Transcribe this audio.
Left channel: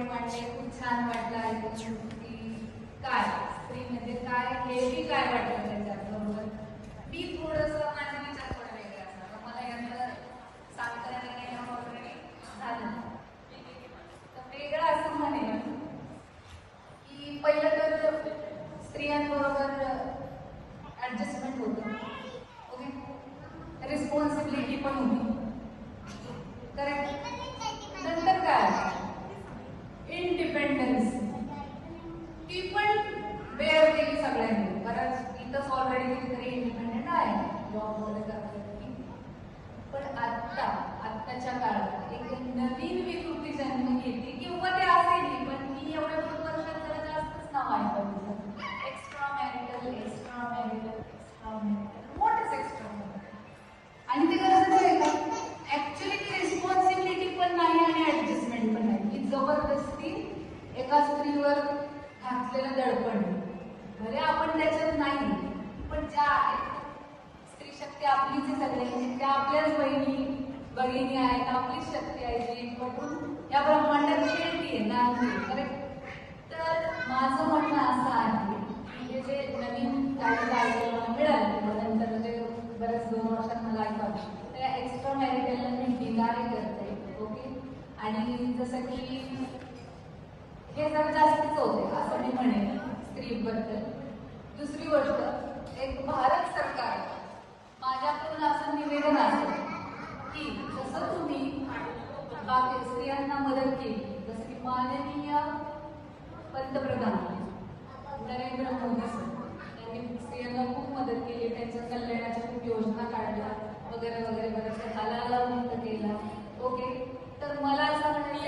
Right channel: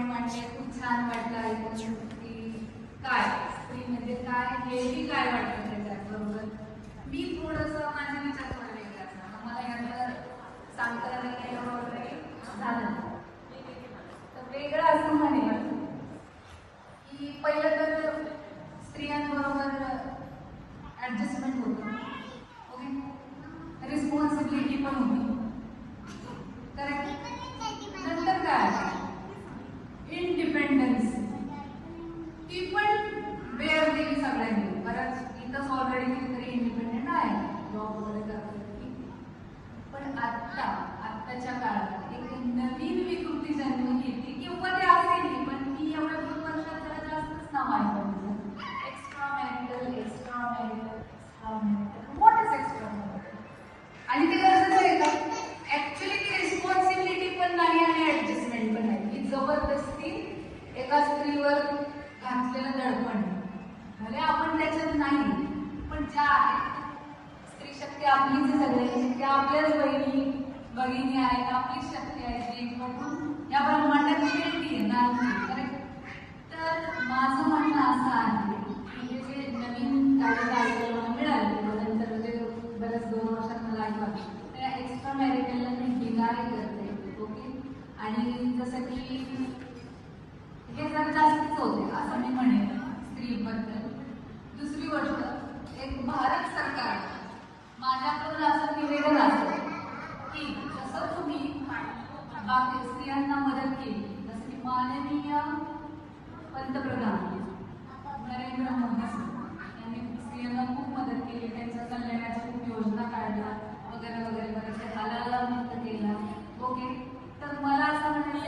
Point मांडले, खूप छान वाटलं ऐकून की काय स्त्री म्हणजे काय हे बी काय वाटतं त्याच्याबरोबर. मी थोडंसं माझे विचार थोडे वेगळे असतात, मला यातलं सांगताना केलं वगैरे झालं. तर वेगळं असं म्हणेन की पहिलं तर स्त्रियांबरोबर ऍडजस्टमेंट होतं, ओके, रिस्पॉन्सिबिलिटी पण होती, करेक्ट. नंतर काय इंडिपेंडन्स ती पण बेअर दिली सगळ्यांनी. बऱ्याच इथंच ऑलरेडी कितीतरी इंडिपेंडेंट आहे, जॉब वगैरे करतात. पण आत्ताच्या काळात एक नवीन विकृती जन्म घेते किंवा ते असेल, पण ती एवढ्या 2 वर्षात जरा जास्तच नाव आहे बघितलं. Extra marital, extra marital, extra marital, what is extra marital? आणि ते गरजेचं आहे का? ऍक्च्युली ती रिस्पॉन्सिबिलिटी पण नाही आणि ऍडजस्टमेंट पण नाही, ही जबरदस्ती एका स्त्रीवर घातलेलं दडपण. अरे आपण त्याच्यात नाही, पण ज्या आहेत स्त्री शक्ती आपलीच आहे सगळ्यांची, त्या आपल्याच बहिणी आहेत, आपलीच शक्ती आहे ती एकवटून या ब्रह्मांडात खेळती आहे नाचती, करेक्ट. तर माझं म्हणणं असं आहे की हे जे नवीन काही मिळाले नंतर म्हणजे बऱ्याच 2 वर्षात मला ऐकलं त्या एक्स्ट्रा मॅरिटलला मी बिगारी करते, ओके. आणि जसं की हे जर जास्तच होते असं मी म्हणेन स्त्रीबद्दल. दुसरी गोष्ट, एक भारत सरकार माझ्याकडून असं निवेदन असेल की जसं तुम्ही बाकी स्त्रियांना मदत केली, जसं की माननीय पंतप्रधान नरेंद्र मोदी यांनी स्त्रियांना खूप मदत केली, त्यांच्या कल्याणाच्या खूप योजना काढल्या वगैरे वगैरे बरेचसे हलाला मुक्त केला, ओके. तर मला असं म्हणणं